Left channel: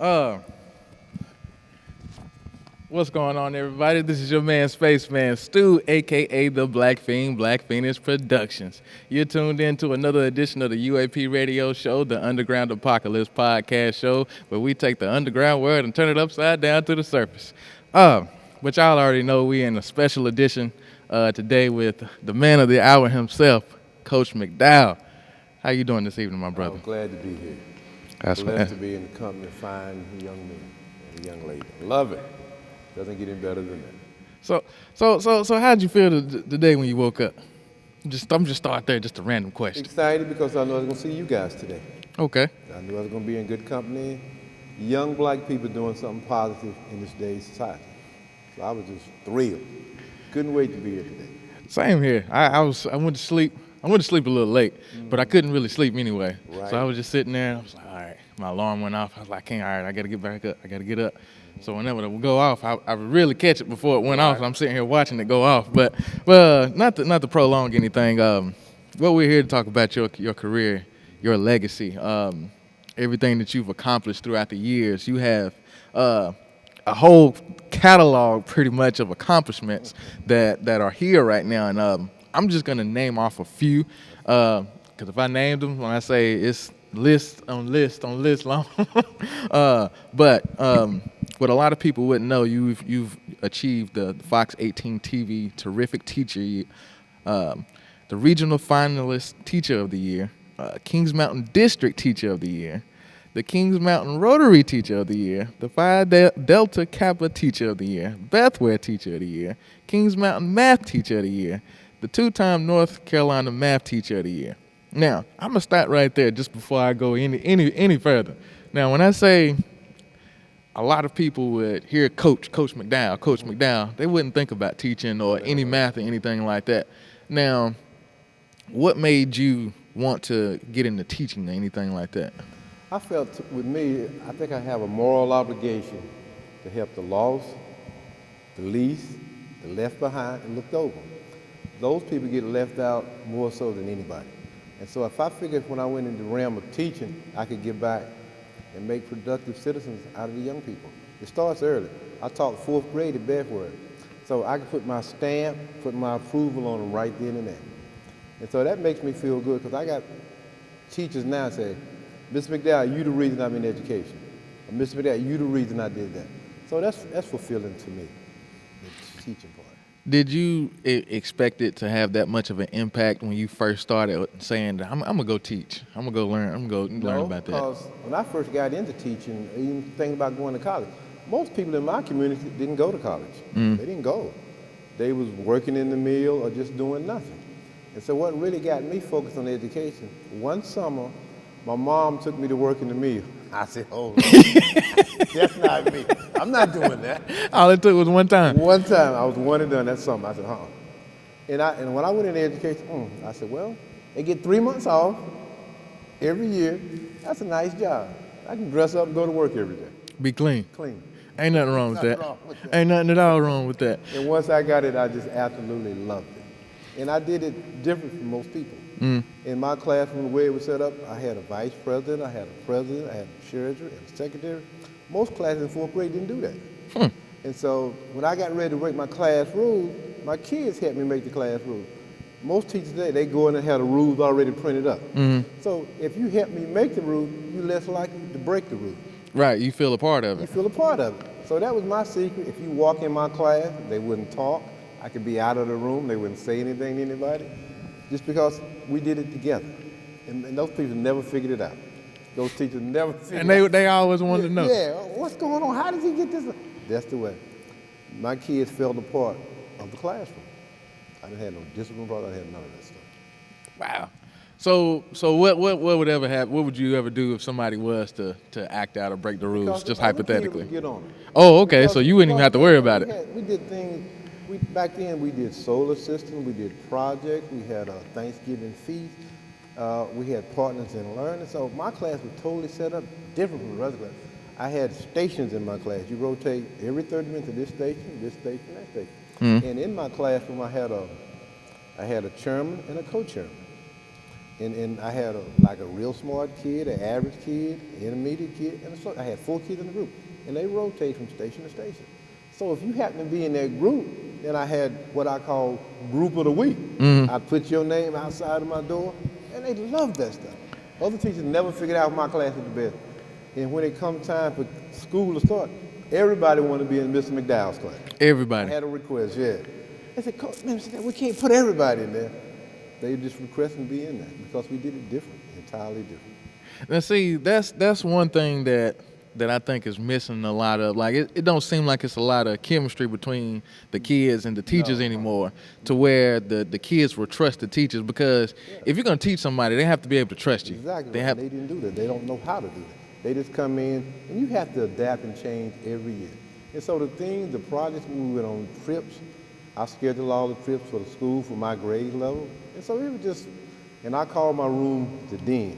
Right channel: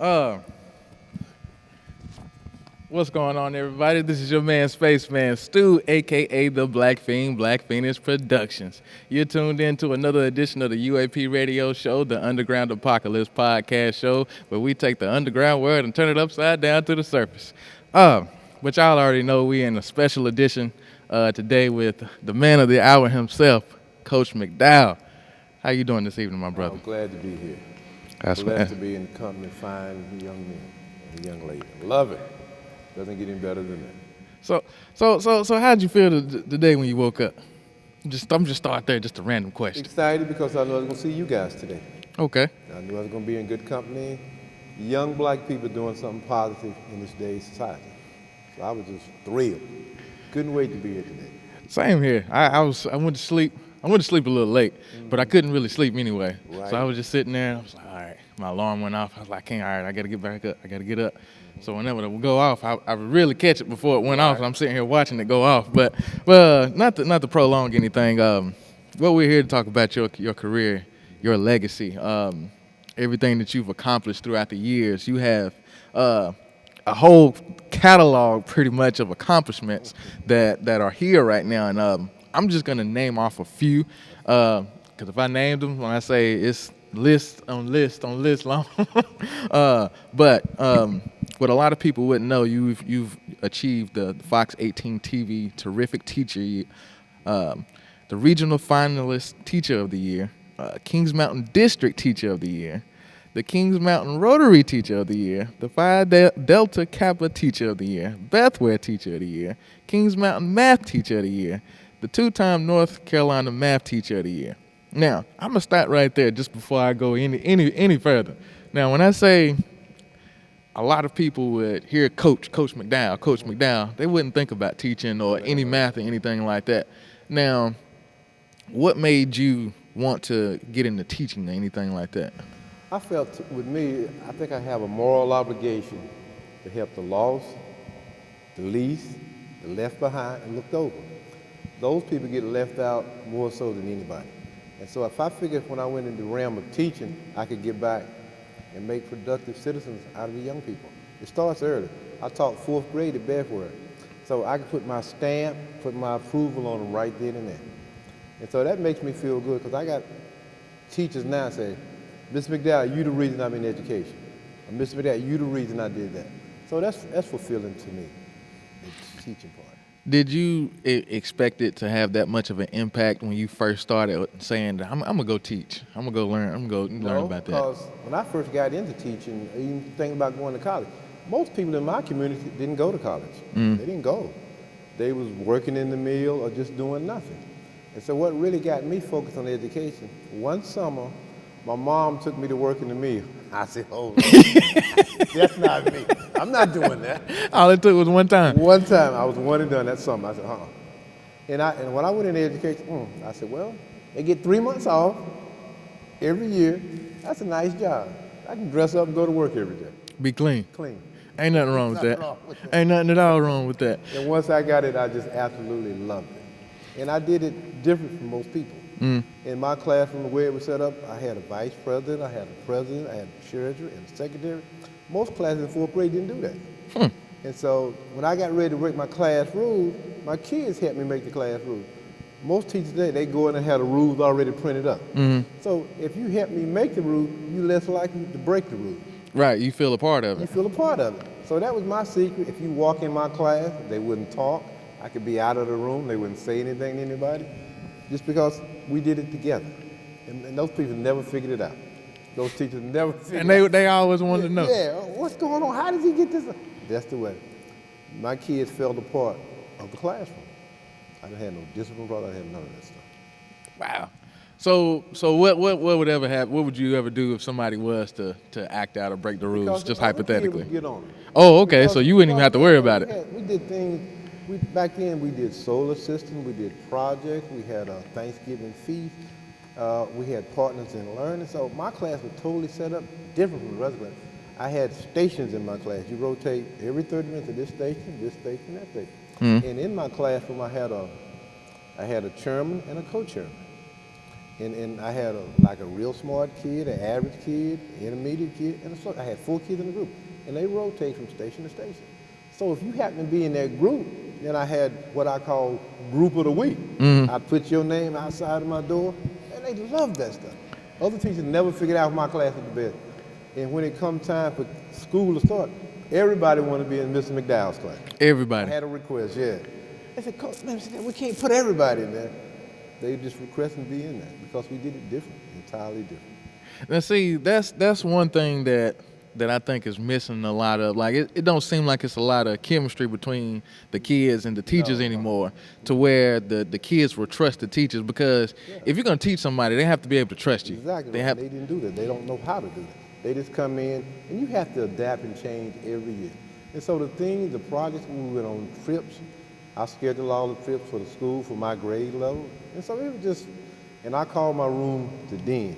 Uh, what's going on, everybody? This is your man, SpaceMan Stuw, aka the Black Fiend, Black Phoenix Productions. You're tuned in to another edition of the UAP Radio Show, the Underground Apocalypse podcast show, where we take the underground world and turn it upside down to the surface. But y'all already know we in a special edition today with the man of the hour himself, Coach McDowell. How you doing this evening, my brother? That's what. So, how'd you feel the day when you woke up? I'm just start there, just a random question. Excited because I love to see you guys. Okay. You be in good company. Young black people doing something positive in today's life. So I was just great. Good way to be. Same here. I went to sleep. I went to sleep a little late, but I couldn't really sleep anyway. So I was just sitting there. And I was like, all right. My alarm went off. I was like, all right, I got to get back up. I got to get up. So whenever it would go off, I would really catch it before it went off. I'm sitting here watching it go off. But not to prolong anything. What we're here to talk about your career, your legacy, everything that you've accomplished throughout the years. You have a whole catalog, pretty much, of accomplishments that are here right now, and I'm just gonna name off a few. Because if I named them, when I say it's list on list on list long, but what a lot of people wouldn't know, you've achieved the Fox 18 TV Terrific Teacher, the Regional Finalist Teacher of the Year, Kings Mountain District Teacher of the Year, the Kings Mountain Rotary Teacher of the Year, the Phi Delta Kappa Teacher of the Year, Bethware Teacher of the Year, Kings Mountain Math Teacher of the Year, the two-time North Carolina Math Teacher of the Year. Now, I'm gonna start right there just before I go any further. Now, when I say a lot of people would hear Coach McDowell, they wouldn't think about teaching or any math or anything like that. Now, what made you want to get into teaching or anything like that? I felt with me, I think I have a moral obligation to help the lost, the least, left behind, and the those. Those people get left out more so than anybody. So if I figured when I went into the realm of teaching, I could get back and make productive citizens out of the young people. It starts early. I taught fourth grade at Bedford. So I could put my stamp, put my approval on the right way. And so that makes me feel good because I got teachers now saying, Mr. McDowell, you're the reason I'm in education. And Mr. McDowell, you're the reason I do this. So that's fulfilling. Did you expect it to have that much of an impact when you first started saying, I'm gonna go teach, I'm gonna go learn, I'm gonna go learn about that? When I first got into teaching, when you think about going to college, most people in my community didn't go to college. They didn't go. They was working in the mill or just doing nothing. So what really got me focused on education, one summer, my mom took me to work in the mill. I said, oh, that's not me. I'm not doing that. All it took was one time. One time, I was one and done. That's all. And when I went in there, I said, well, they get 3 months off every year. That's a nice job. I can dress up and go to work every day. Be clean. Clean. Ain't nothing wrong with that. Ain't nothing at all wrong with that. And once I got it, I just absolutely loved it. And I did it different from most people. In my class, when the way it was set up, I had vice president, I had president, I had treasurer, secretary. Most classes, fourth grade, didn't do that. And so when I got ready to make my class rules, my kids helped me make the class rules. Most teachers today, they go in and have the rules already printed up. So if you help me make the rules, you're less likely to break the rules. Right, you feel a part of it. I was a part of it. So that was my secret. You walk in my class, they wouldn't talk. I could be out of the room, they wouldn't say anything to anybody. Just because we did it together. And those people never figured it out. Those people never figured And they always wanted to know. what's going on? How did you get this? That's the way. My kids fell apart of class. And this is what I did. Wow. So what would ever happen? What would you ever do if somebody was to act out or break the rules, just hypothetically? Oh, okay. So you wouldn't even have to worry about it. We did things, back then we did solar systems, we did projects, we had a Thanksgiving feast, we had partners in learning. So my class was totally set up different, brother. I had stations in my class. We go take every Thursday to this station, this station, this station. And in my classroom I had a chairman and a co-chairman. And I had like a real smart kid, an average kid, intermediate kid, and so I had 4 kids in So if you happen to be in that group, and I had what I call group of the week, Mm-hmm. I put your name on the side of my door, and they love that. Other teachers never figured out my class was better. And when it comes time for school to start, everybody want to be in Mr. McDowell. Everybody. Had a request, yeah. I said, "Coach, we can't put everybody in there." They just requested the because we get this time. Now, see, that's one thing that I think is missing a lot of. Like, it don't seem like it's a lot of chemistry between the kids and the teachers anymore, to where the kids will trust the teachers. Because if you're gonna teach somebody, they have to be able to trust you. They have. They have no power. They just come in, and you have to adapt and change every week. And so the things, the projects we went on the trips, I schedule all the trips for the school for my grade level. And so it's just, and I call my room the dean.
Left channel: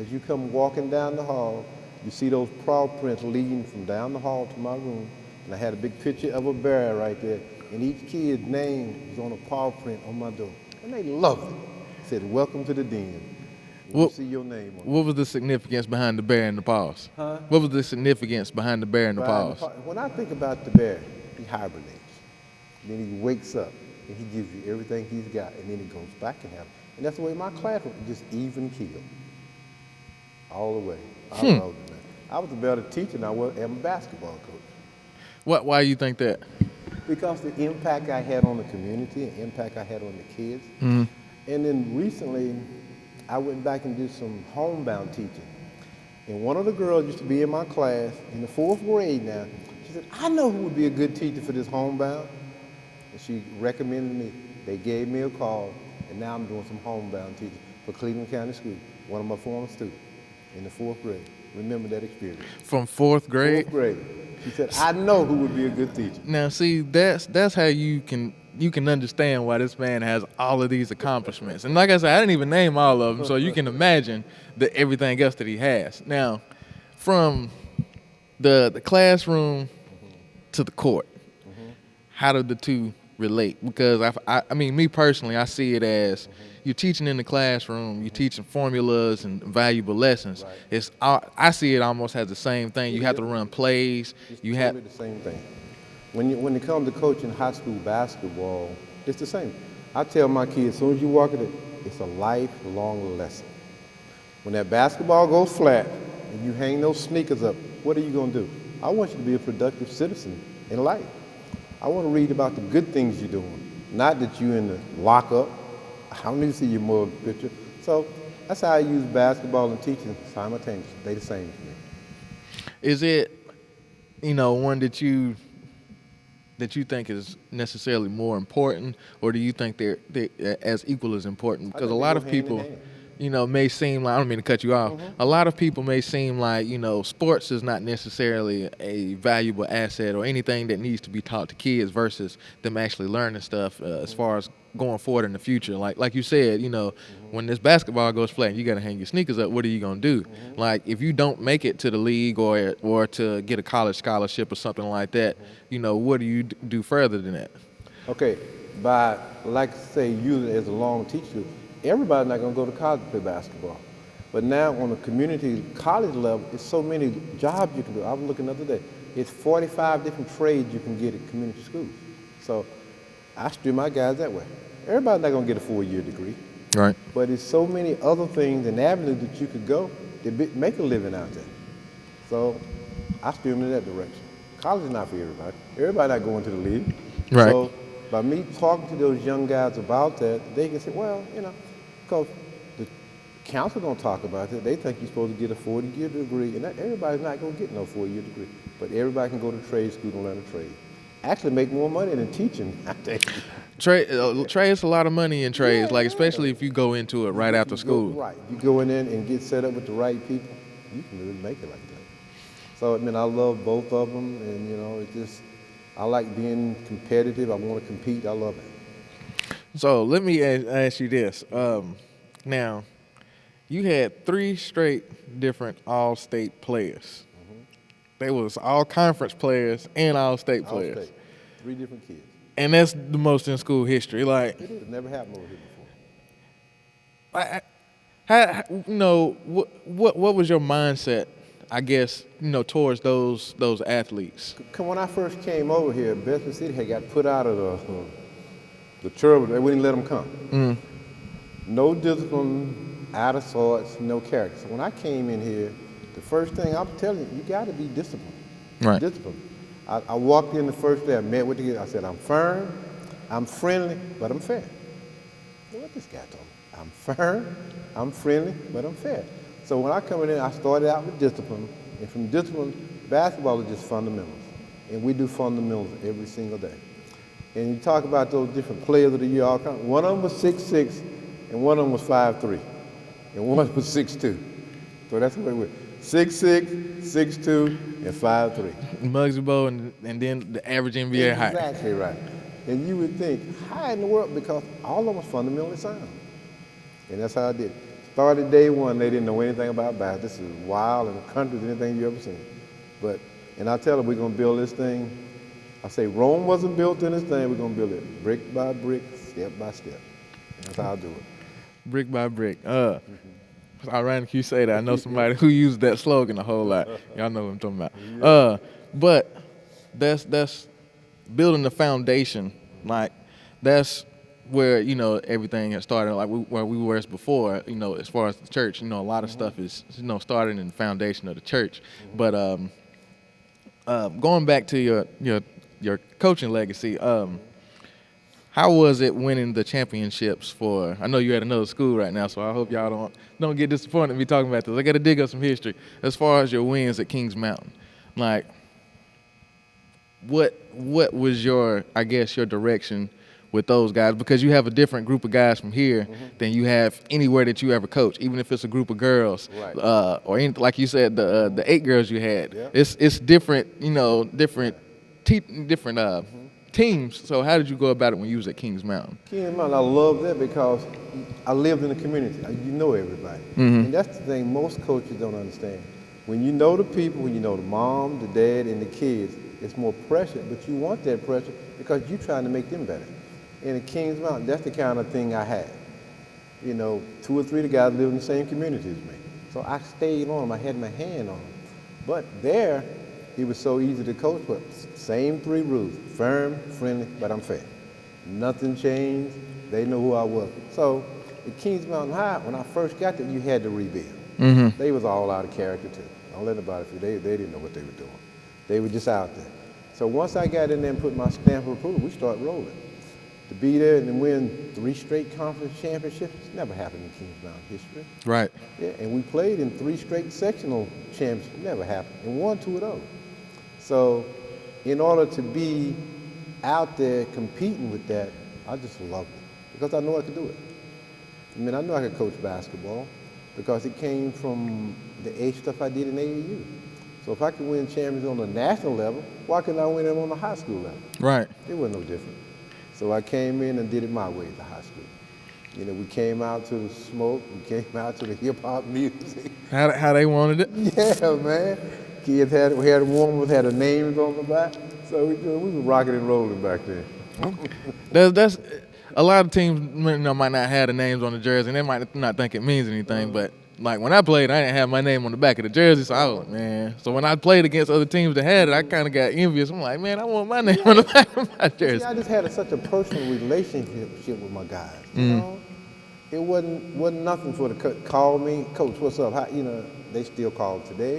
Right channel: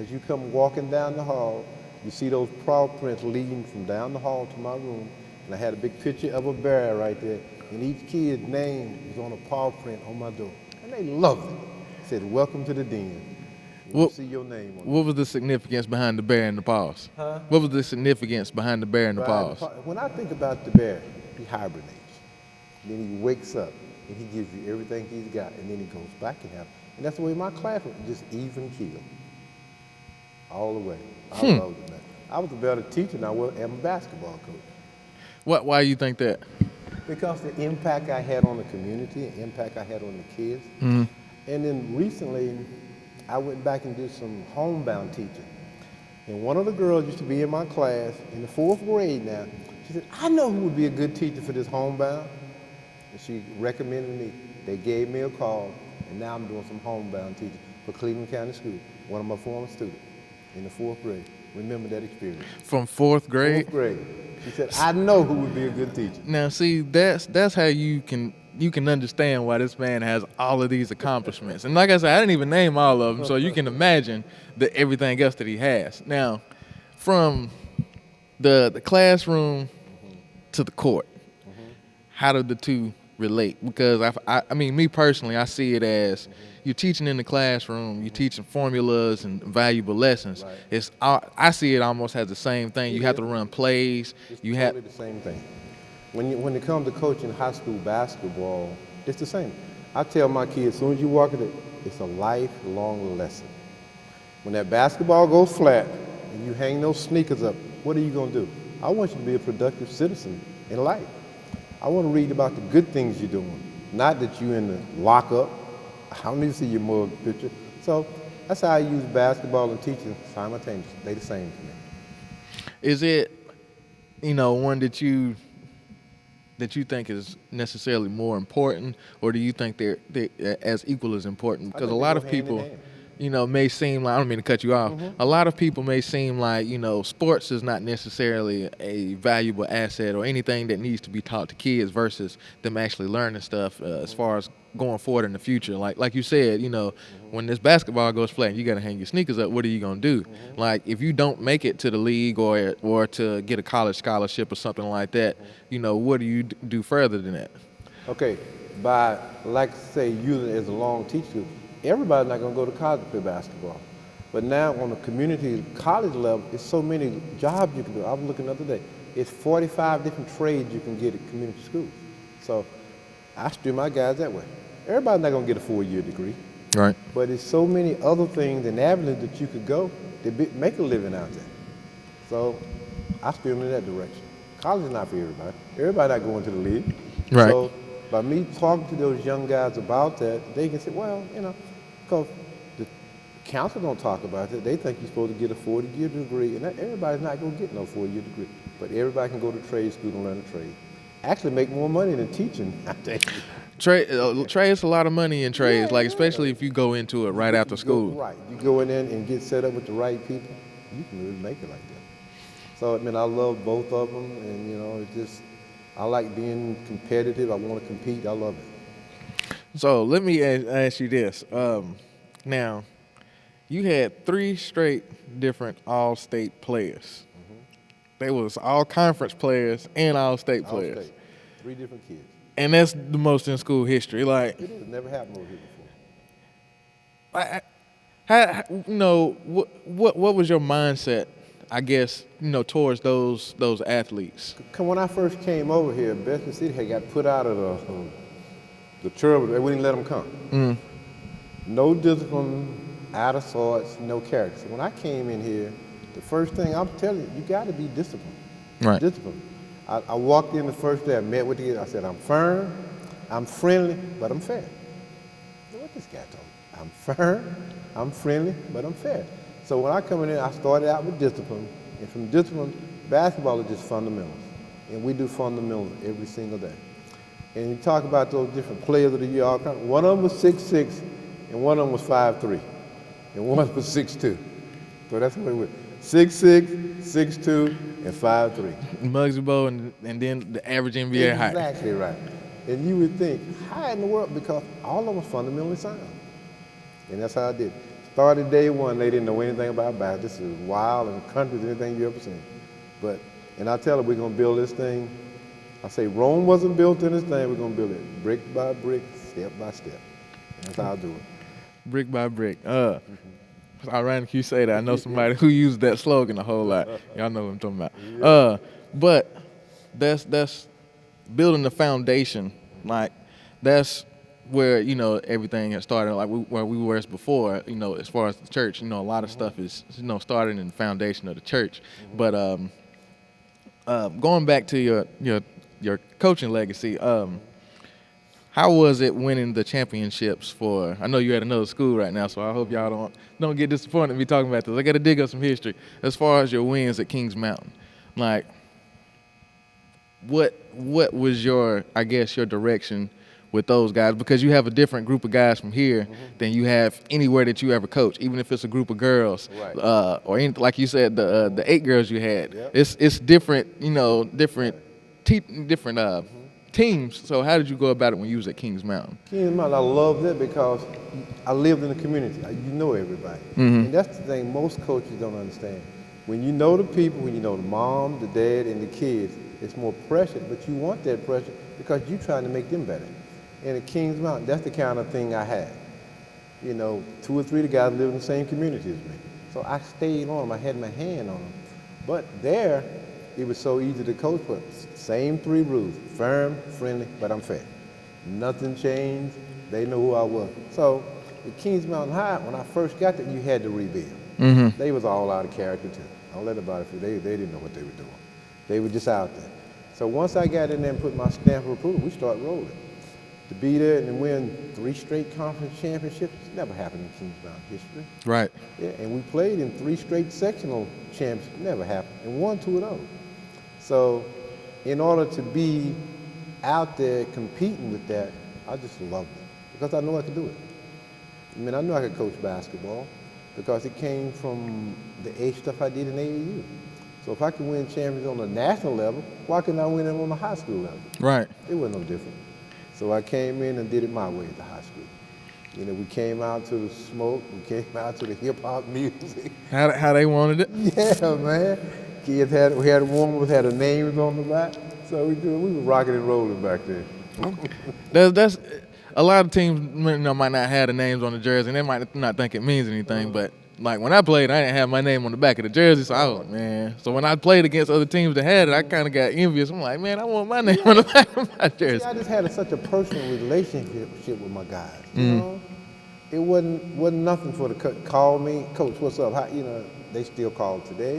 As you come walking down the hall, you see those PowerPoints leading from down the hall to my room. I had a big picture of a barrel right there. And each kid's name on the PowerPoint on my door. And they love it. I said, welcome to the dean. What See your name. what was the significance behind the bear and the paws? Huh? What was the significance behind the bear and the paws? When I think about the dad, when he wakes up, and he gives you everything he's got, and then he comes back to that. And that's when my class was just even kid. All the way. I was a better teacher than I was as a basketball. Why you think that? Because of the impact I had on the community, the impact I had on the kids. Mm-hmm. And then recently, I went back and did some homebound teaching. And one of the girls used to be in my class in the fourth grade now. She said, I know who would be a good teacher for this homebound. And she recommended me. They gave me a call. And now I'm doing some homebound teaching for Cleveland County School. One of my former students in the fourth grade. Remember that experience. From fourth grade. Great. She said, I know who would be a good teacher. Now, see, that's how you can understand why this man has all of these accomplishments. And like I said, I didn't even name all of them, so you can imagine everything else that he has. Now, from the classroom to the court, how do the two relate? Because I mean, me personally, I see it as you're teaching in the classroom, you're teaching formulas and valuable lessons. I see it almost as the same thing. You have to run plays. You have. When it comes to coaching high school basketball, it's the same. I tell my kids, as soon as you walk in, it's a lifelong lesson. When that basketball goes flat, you hang those sneakers up, what are you going to do? I want you to be a productive citizen in life. I want to read about the good things you do, not that you're in the lockup. I want to see your moral scripture. So that's how I use basketball and teaching simultaneously. They're the same. Is it, one that you think is necessarily more important, or do you think they're as equal as important? Because a lot of people, may seem like, I don't mean to cut you off, a lot of people may seem like, sports is not necessarily a valuable asset or anything that needs to be taught to kids versus them actually learning stuff as far as going forward in the future. Like you said, when this basketball goes flat, you got to hang your sneakers up. What are you going to do? Like, if you don't make it to the league or to get a college scholarship or something like that, what do you do further than that? Okay, like to say, you as a long teacher, everybody's not going to go to college for basketball. But now on a community college level, there's so many jobs you can do. I was looking the other day. It's 45 different trades you can get at community school. So I spend my guys out. Everybody's not going to get 4 years. Right. But there's so many other things and avenues that you could go to make a living out of. So I feel me that way. College not really. Everybody not going to leave. Right. So by me talking to those young guys about that, they can say, well, so the council don't talk about it. They think you're supposed to get a 4-year degree, and everybody's not going to get no 4-year degree. But everybody can go to trade school and learn trade. Actually make more money than teaching, I think. Trades a lot of money in trades, like especially if you go into it right after school. Right. You go in there and get set up with the right people, you can really make it. So, I love both of them, and, I like being competitive. I want to compete. I love it. So let me ask you this. Now, you had 3 straight different all-state players. They was all-conference players and all-state players. And that's the most in school history. Like, how what was your mindset, I guess, towards those athletes? when I first came over here, they got put out of the turtle. They wouldn't let them come. Mm. No discipline, out of sorts, no character. When I came in here, the first thing I'm telling you got to be disciplined. Right. Discipline. I walked in the first day, I met with you, I said, I'm firm, I'm friendly, but I'm fair. I'm firm, I'm friendly, but I'm fair. So when I come in here, I started out with discipline. And from discipline, basketball is fundamental. And we do fundamental every single day. And you talk about those different players that we all come. One of them was 6'6", and one of them was 5'3", and one of them was 6'2". So that's what it was. 6'6", 6'2", and 5'3". Muggsy Bowl and then the average NBA height. Exactly right. And you would think, how in the world? Because all of them fundamental something. And that's how I did. Started day one, they didn't know anything about basketball. This was wild, country, everything we ever seen. But, and I tell them we're going to build this thing. I say, Rome wasn't built in this thing, we're going to build it brick by brick, step by step. That's how I do it. Brick by brick. It's ironic you say that. I know somebody who used that slogan a whole lot. Y'all know what I'm talking about. But that's building the foundation. Like that's where everything has started. Like where we were before. As far as the church, a lot of stuff is started in the foundation of the church. But going back to your coaching legacy. How was it winning the championships for? I know you're at another school right now, so I hope y'all don't get disappointed in me talking about this. I got to dig up some history as far as your wins at Kings Mountain. Like, what was your direction with those guys? Because you have a different group of guys from here than you have anywhere that you ever coach, even if it's a group of girls or anything, like you said, the 8 girls you had. It's different, different teams. So how did you go about it when you was at Kings Mountain? I love it because I live in the community. You know it. Mm-hmm. That's the thing most coaches don't understand. When you know the people, mom, the dad, and the kids, it's more pressure, but you want that pressure because you're trying to make them better. And at Kings Mountain, that's the kind of thing I had. 2 or 3 guys were in the same community. So I stayed on. I had my hand on it. But there, it was so easy to coach them. Same 3 rules. Firm, friendly, but I'm saying. Nothing changed. They know who I was. So, the Kings Mountain High, when I first got there, you had to read it. Mm-hmm. They was all out of character. I love about it. They didn't know. They were just out. So once I got in there and put my stamp with you, we start rolling. To be there and win 3 straight conference championships, never happened. Right. And we played in 3 straight sectional championships, never happened. And won 2 of them. So, in order to be out there competing with that, I just love it. Because I know it's good. I know I can coach basketball because it came from the age stuff I did in AU. So if I can win champions on the national level, why couldn't I win it on the high school level? Right. It wasn't good. So I came in and did it my way. We came out to the smoke, came out to the hip-hop music. How they wanted it? Yeah, man. Kids had one had a name on the back, so we were rocking and rolling back then. Okay. That's a lot of teams might not have the names on the jersey, and they might not think it means anything. But like when I played, I didn't have my name on the back of the jersey, so I was like, man. So when I played against other teams that had it, I kind of got envious. I'm like, man, I want my name on the back of my jersey. I just had such a personal relationship with my guys. Mm. It wasn't nothing for the coach. Call me, coach, what's up? They still call today.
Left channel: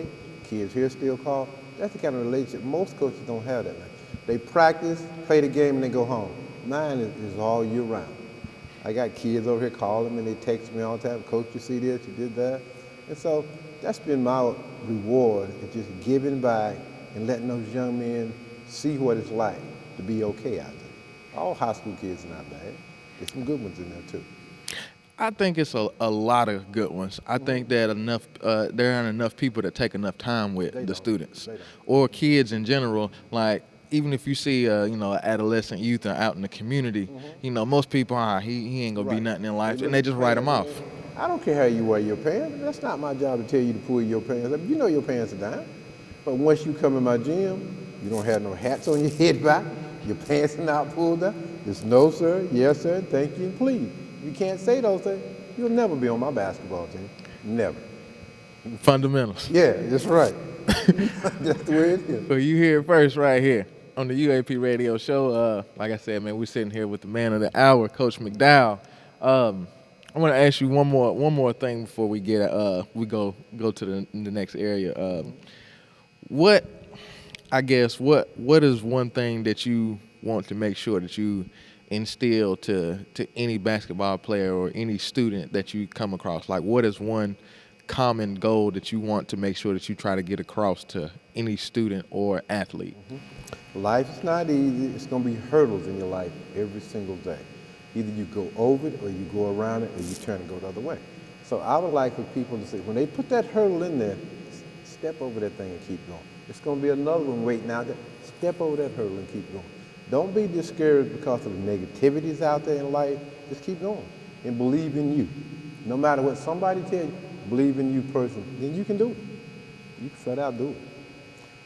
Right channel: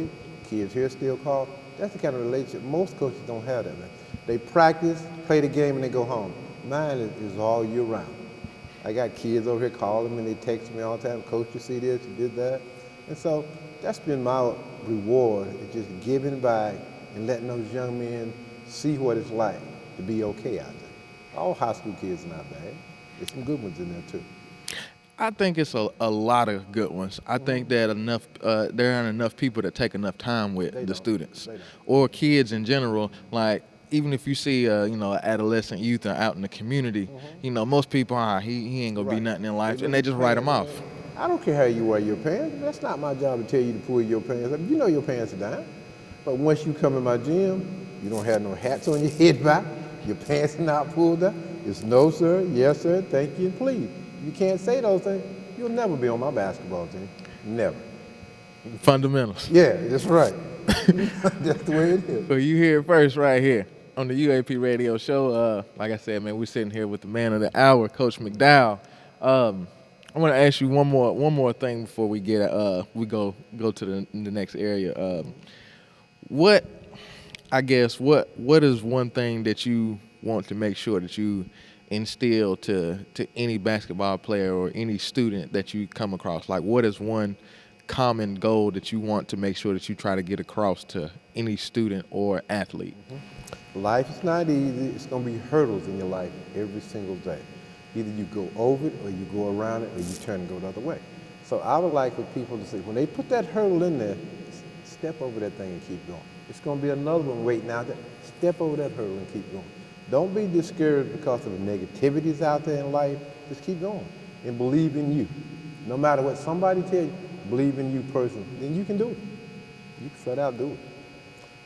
Kids here still call. That's the kind of relationship most coaches don't have. They practice, play the game, and they go home. Mine is all year round. I got kids over here calling me, they text me all that. Coach, you see this, you did that. And so that's been my reward, just giving back and letting those young men see what it's like to be okay. All high school kids do. It's good with me too. I think it's a lot of good ones. I think that there aren't enough people that take enough time with the students or kids in general. Like even if you see adolescent youth out in the community, most people he ain't gonna be nothing in life, and they just write them off. I don't care how you wear your pants. That's not my job to tell you who your pants are. You know your pants are nice. But once you come in my gym, you don't have no hats on your head, right? Your pants are not pulled up. It's no sir, yes sir, thank you, please. You can't say those things. You'll never be on my basketball team. Never. You Fundamentals. Yeah, that's right. That's the way it is. Well, you hear it first right here on the UAP Radio Show. Like I said, man, we're sitting here with the man of the hour, Coach McDowell. I want to ask you one more thing before we go to the next area. What is one thing that you want to make sure that you instill to any basketball player or any student that you come across? Like, what is one common goal that you want to make sure that you try to get across to any student or athlete? Life's not easy. It's going to be hurdles in life every single day. Either you go over or you go around or you turn another way. So I would like for people to, when they put that hurdle in there, step over that thing and keep going. It's going to be another one waiting out there. Step over that hurdle and keep going. Don't be discouraged because of the negativity out there in life. Just keep going and believe in you. No matter what somebody tells you, believe in you first, and you can do it. You start out doing it.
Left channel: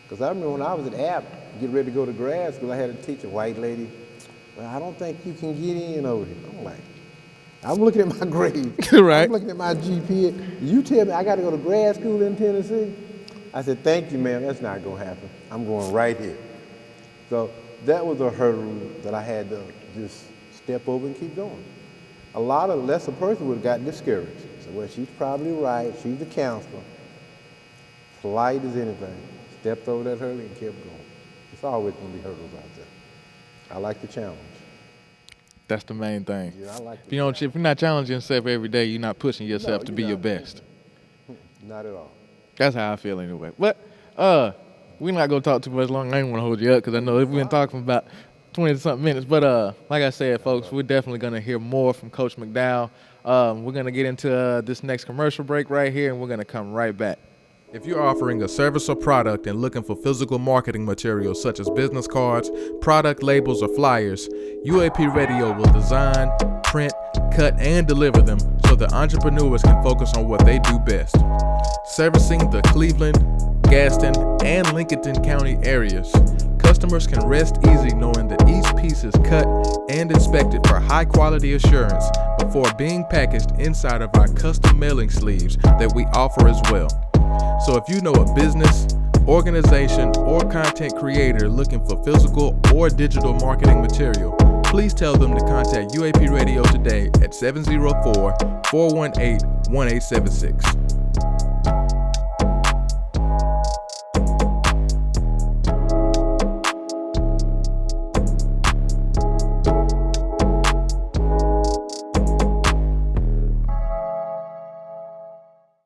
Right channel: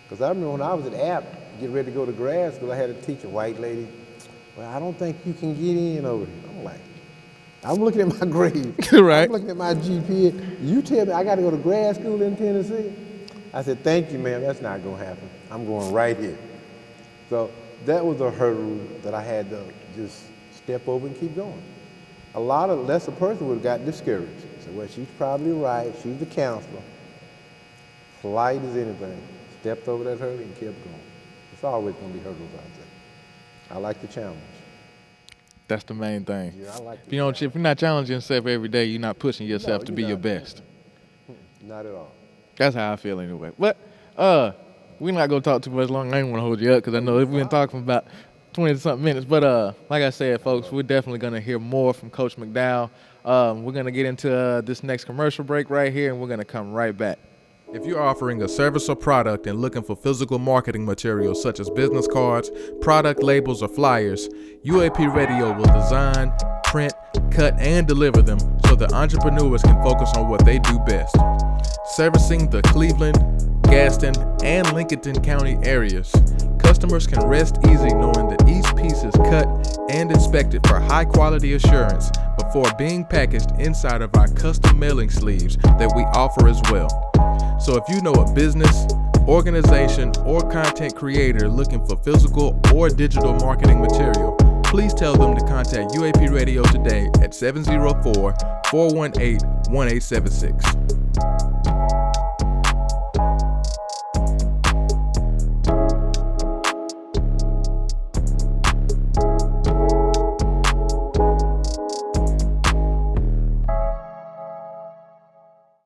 Because I remember when I was at Apple, getting ready to go to grad school, I had to teach a white lady. I don't think you can get in. I'm looking at my grade. Right. I'm looking at my GPA. You tell me I got to go to grad school in Tennessee? I said, thank you, man. That's not going to happen. I'm going right here. So that was a hurdle when I had to just step over and keep going. A lot of lesser hurdles got me scared. Well, she's probably right. She's a counselor. Polite as anything. Stepped over that hurdle and kept going. It's always been a hurdle. I like the challenge. That's the main thing. If you're not challenging yourself every day, you're not pushing yourself to be your best. Not at all. That's how I feel anyway. But we're not gonna talk too much long. I ain't want to hold you up because I know we've been talking for about 20-something minutes. But like I said, folks, we're definitely gonna hear more from Coach McDowell. We're gonna get into this next commercial break right here, and we're gonna come right back. If you're offering a service or product and looking for physical marketing materials such as business cards, product labels, or flyers, UAP Radio will design, print, cut, and deliver them so that entrepreneurs can focus on what they do best. Servicing the Cleveland, Gaston, and Lincoln County areas, customers can rest easy knowing that each piece is cut and inspected for high-quality assurance before being packaged inside of our custom mailing sleeves that we offer as well. So if you know a business, organization, or content creator looking for physical or digital marketing material, please tell them to contact UAP Radio today at 704-418-1876.